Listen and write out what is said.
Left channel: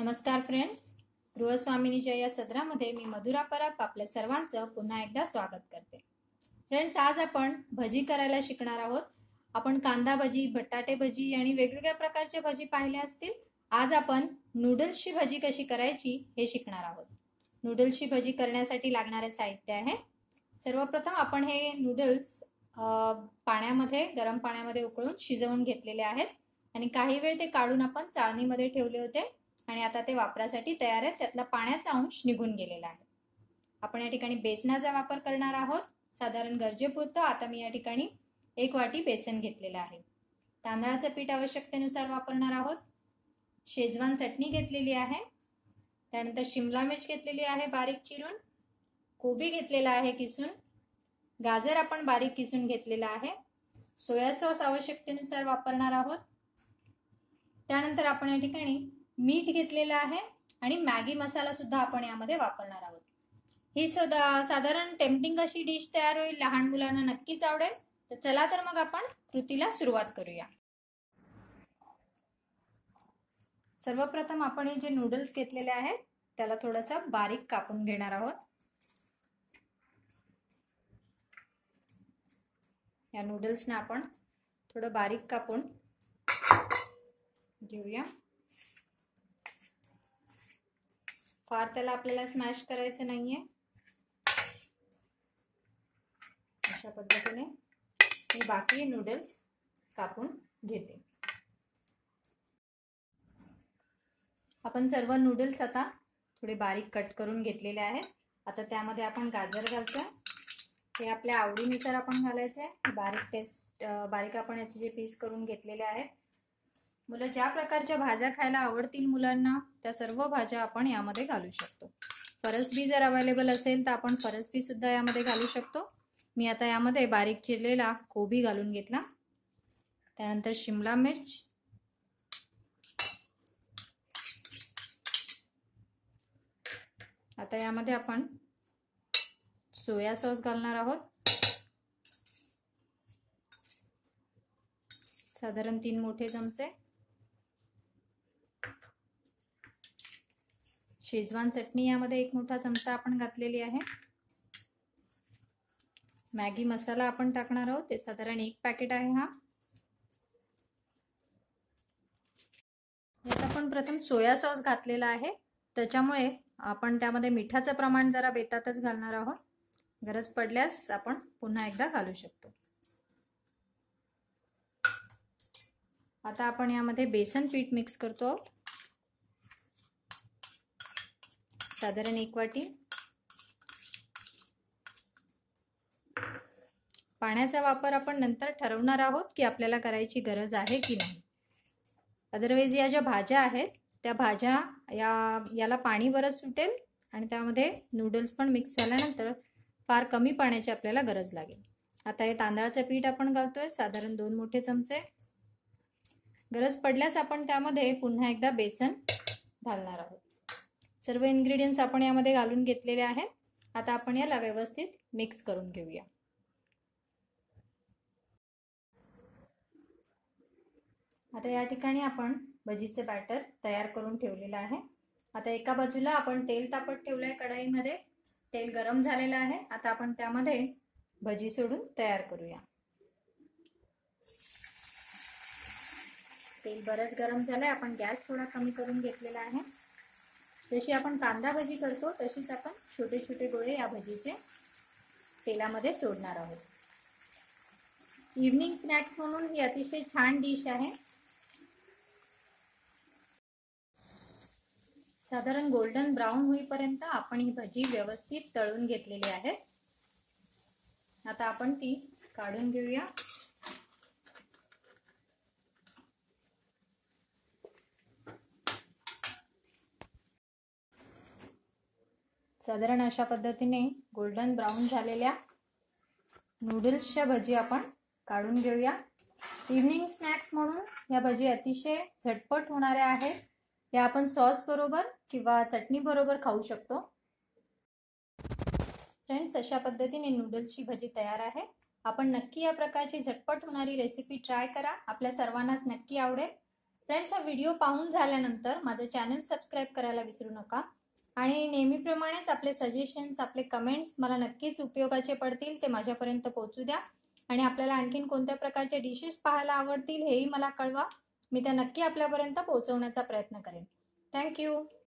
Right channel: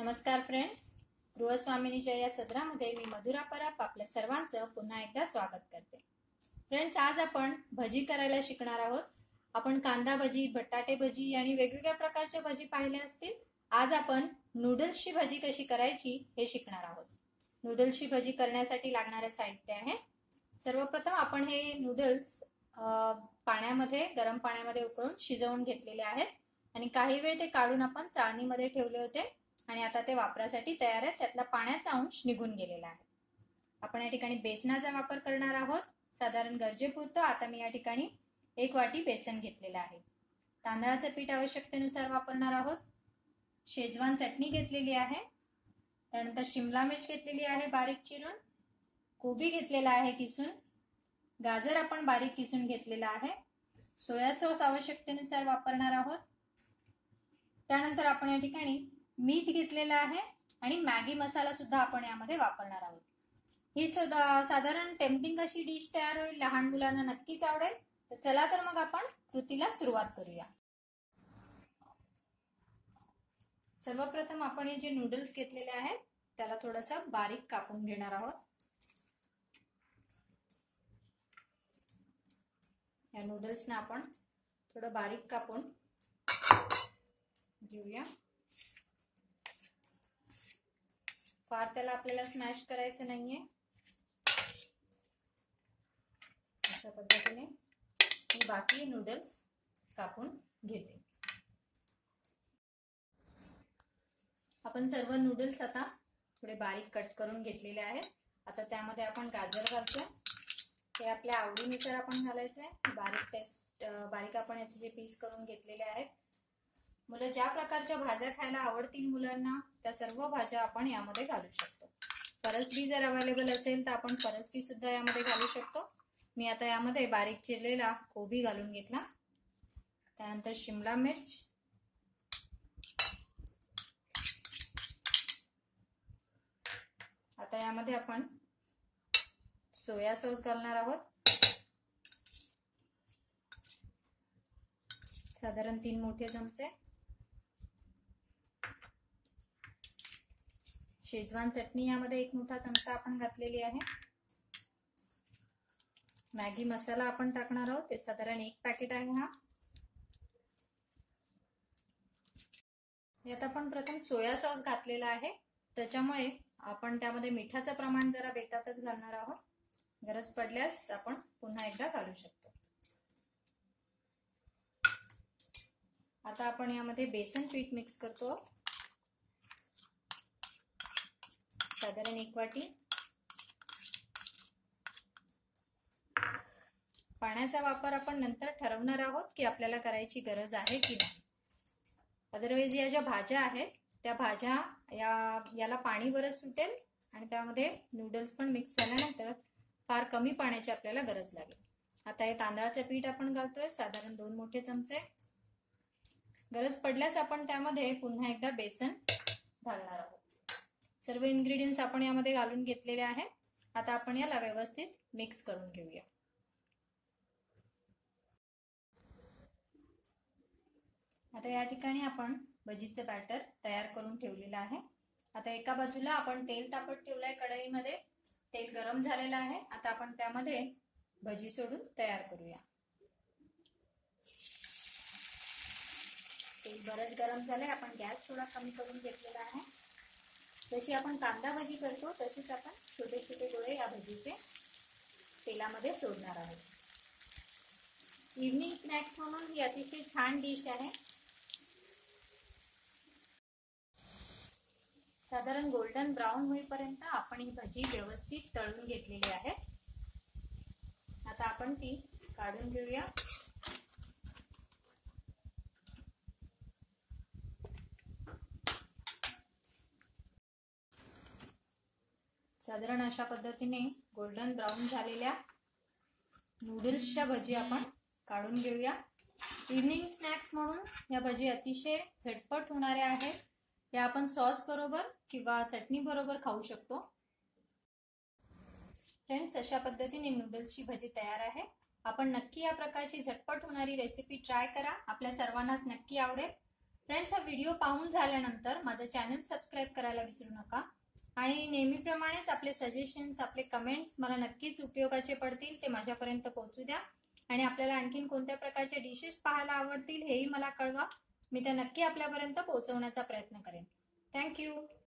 नमस्कार फ्रेंड्स, गृहस्वामिनीच्या या सदरामध्ये मी मधुरा परब आपल्या सर्वांचं पुन्हा एकदा स्वागत करते। फ्रेंड्स, आज आपण भजी करायला शिकणार आहोत। आपण कांदा भजी, बटाटे भजी आणि वेगवेगळ्या प्रकारचे भजी पाहिले असतील। आज आपण नूडल्सची भजी कशी करायची हे शिकणार आहोत। नूडल्सची भजी करण्यासाठी लागणारे साहित्य आहे। सर्वप्रथम आपण हे नूडल्स पाण्यामध्ये, गरम पाण्यामध्ये उकळून शिजवून घेतलेले आहेत आणि काही वेळ ते काढून आपण चाळणीमध्ये ठेवले होते आणि आता ते वापरासाठी तयार आहेत। त्यातला पाण्याचा अंश निघून गेलेला आहे। आपण या ठिकाणी बेसनाचा वापर करणार आहोत। साधारण गरजेपुरतं आता मी या ठिकाणी 1 वाटी बेसन घेतलेलं आहे। तांदळाचं पीठ आवश्यकतेनुसार वापरणार आहोत। शेजवान चटणी घेतलेली आहे। त्यानंतर शिमला मिर्च घेतलेली आहे बारीक चिरून। कोबी घेतलेला आहे किसून। गाजर आपण बारीक किसून घेतलेला आहे। सोया सॉस आवश्यकतेनुसार वापरणार आहोत। त्यानंतर आपण या ठिकाणी मीठ घेतलेला आहे आणि मॅगी मसाला सुद्धा आपण यामध्ये वापरणार आहोत। ही साधारण टेम्पटिंग अशी डिश तयार होईल, लहान मुलांना नक्कीच आवडेल। तर चला तर मग आपण कृतीला सुरुवात करूया। सर्वप्रथम आपण हे जे नूडल्स घेतलेले आहेत त्याला थोडंसं बारीक कापून घेणार आहोत। या नूडल्सना आपण थोडं बारीक कापून घेऊया। फार त्याला आपल्याला स्मॅश करायचं नाहीये। अशा पद्धतीने मी बाकी नूडल्स कापून घेते। आपण सर्व नूडल्स आता थोडे बारीक कट करून घेतलेले आहेत। आता त्यामध्ये आपण गाजर घालतो। हे आपल्या आवडीनुसार आपण घालायचे आहे। बारीक आपण याचे जे पीस करून घेतलेले आहेत। मुलं ज्या प्रकारच्या भाज्या खायला आवडतील मुलांना त्या सर्व भाज्या आपण यामध्ये घालू शकतो। फरसबी जर अवेलेबल असेल तर आपण फरसबी सुद्धा यामध्ये घालू शकतो। मी आता यामध्ये बारीक चिरलेला कोबी घालून घेतला। त्यानंतर शिमला मिर्च, आता यामध्ये आपण सोया सॉस घालणार आहोत। साधारण 3 मोठे चमचे। शेजवान चटणी यामध्ये 1 मोठा चमचा आपण घातलेली आहे। मॅगी मसाला आपण टाकणार आहोत, ते साधारण 1 पॅकेट आहे हा। यात आपण प्रथम सोया सॉस घातलेला आहे, त्याच्यामुळे आपण त्यामध्ये मिठाचं प्रमाण जरा बेतातच घालणार आहोत। गरज पडल्यास आपण पुन्हा एकदा घालू शकतो। आता आपण यामध्ये बेसन पीठ मिक्स करतो। साधारण 1 वाटी। पाण्याचा वापर आपण नंतर ठरवणार आहोत की आपल्याला करायची गरज आहे की नाही। अदरवाइज या ज्या भाज्या आहेत त्या भाज्या याला पाणी बरंच सुटेल आणि त्यामध्ये नूडल्स पण मिक्स झाल्यानंतर फार कमी पाण्याची आपल्याला गरज लागेल। आता हे तांदळाचं पीठ आपण घालतोय, साधारण 2 मोठे चमचे। गरज पडल्यास आपण त्यामध्ये पुन्हा एकदा बेसन घालणार आहोत। सर्व इन्ग्रेडियंट्स आपण यामध्ये घालून घेतलेले आहेत। आता आपण याला व्यवस्थित मिक्स करून घेऊया। आता या ठिकाणी आपण भजीचे बॅटर तयार करून ठेवलेलं आहे। आता एका बाजूला आपण तेल तापत ठेवलंय कढईमध्ये। तेल गरम झालेलं आहे। आता आपण त्यामध्ये भजी सोडून तयार करूया। तेल बरंच गरम झालंय। आपण गॅस थोडा कमी करून घेतलेला आहे। जशी आपण कांदा भजी करतो तशीच आपण छोटे छोटे गोळे या भजीचे तेलामध्ये सोडणार आहोत। इव्हनिंग स्नॅक्स म्हणून ही अतिशय छान डिश आहे। साधारण गोल्डन ब्राउन होईपर्यंत आपण ही भजी व्यवस्थित तळून घेतलेली आहे। आता आपण ती काढून घेऊया। साधारण अशा पद्धतीने गोल्डन ब्राउन झालेल्या नूडल्सच्या भजी आपण काढून घेऊया। इव्हनिंग स्नॅक्स म्हणून या भजी अतिशय झटपट होणाऱ्या आहेत। या आपण सॉस बरोबर किंवा चटणी बरोबर खाऊ शकतो। फ्रेंड्स, अशा पद्धतीने नूडल्सची भजी तयार आहे। आपण नक्की या प्रकारची झटपट होणारी रेसिपी ट्राय करा, आपल्या सर्वांनाच नक्की आवडेल। फ्रेंड्स, हा व्हिडिओ पाहून झाल्यानंतर माझं चॅनल सबस्क्राईब करायला विसरू नका आणि नेहमीप्रमाणेच आपले सजेशन्स, आपले कमेंट्स मला नक्कीच उपयोगाचे पडतील, ते माझ्यापर्यंत पोहोचू द्या. आणि आपल्याला आणखीन कोणत्या प्रकारचे डिशेस पाहायला आवडतील हेही मला कळवा. मी त्या नक्की आपल्यापर्यंत पोहोचवण्याचा प्रयत्न करेन. थँक्यू.